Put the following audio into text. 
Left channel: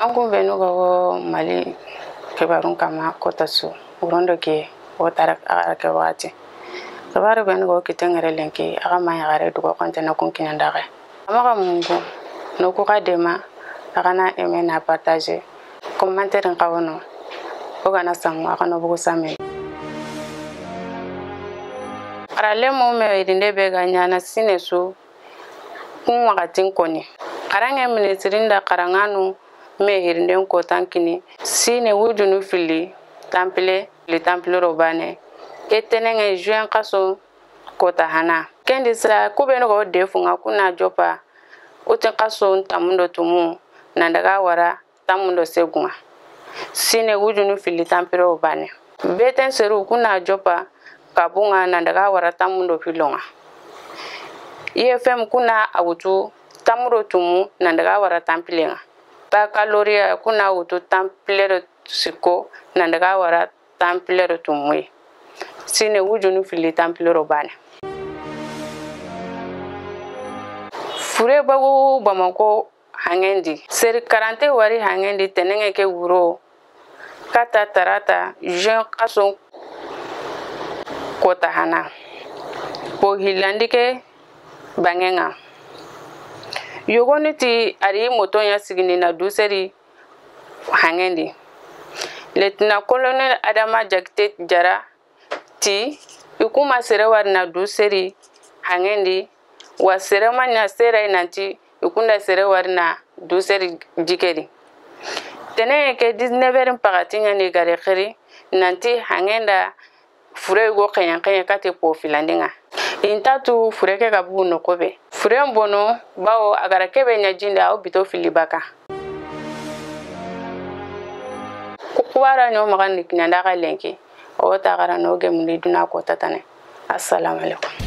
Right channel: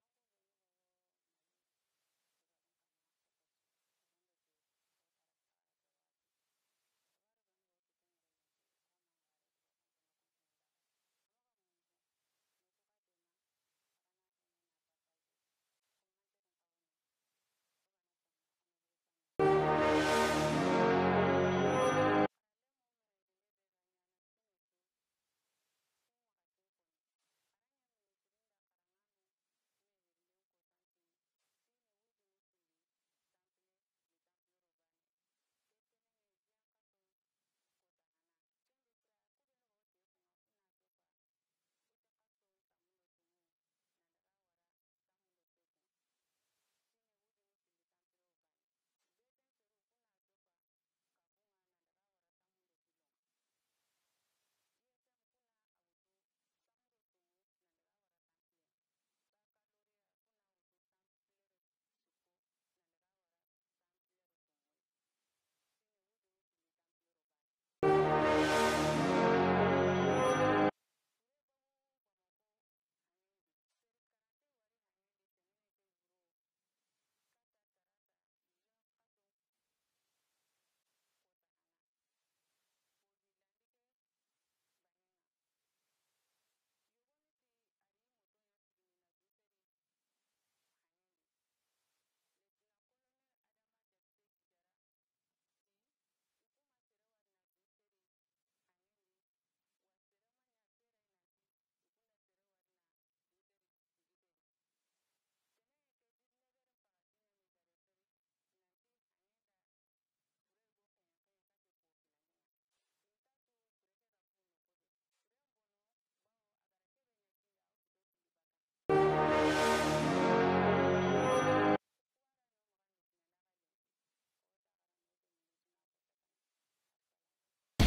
An kun bɛ n'u ka bɔ Mali kibarun kama Kotasu urondo ke o tara ke wagati kibaru bɛ n'u ka kitengere lenki aga ma yagare dugo kontena kun kinandaga amaga mungu no ko ka dema aga na aimer na partager commentaire kawono o kana samu aga no bugo same arale mo me irinde be ganyana sinesu kun wagatin koni arange ministrinda karanganu me hirnden ko tankini sine wujunu fili temple le temple robane etenenge juin kaso kota hana kendi sira kubeno go defunga kuna jopa oten kaso tamundo tumu nandaga wara tamundo segunga sine wujunu fili temple robane beten seru kuna jopa kabunga nandaga wara tamundo filonga IFM kuna awutu tamuro tumu nandaga wara tamplenga Baccalauréat kuna wutu temple siko nandaga wara temple tumu sine wujunu fili temple robane fure bagu Bamako hangendi seri 40 wari hangendi tenenge ke wuro kata tarata juin kaso kota hana po hilandike bangenga yogoniti ari motonya sigini na duseri hangendi Lieutenant Colonel Adama Jakite Jara ti ikuma serewar na duseri hangendi wa serema na sera nanti ikunda serewar na duseri jikeri tene ke 19 pagatinya ni gare khiri nanti hangenda fure go kanya kate po filandinga intatu fure ke gabu no kobe fure mbono bawo agara kebe nyajinda au bito filibaka kuwara nyo magani kinanda ka lenki o ta gara no gemuni duna ko tatane assalamu alaikum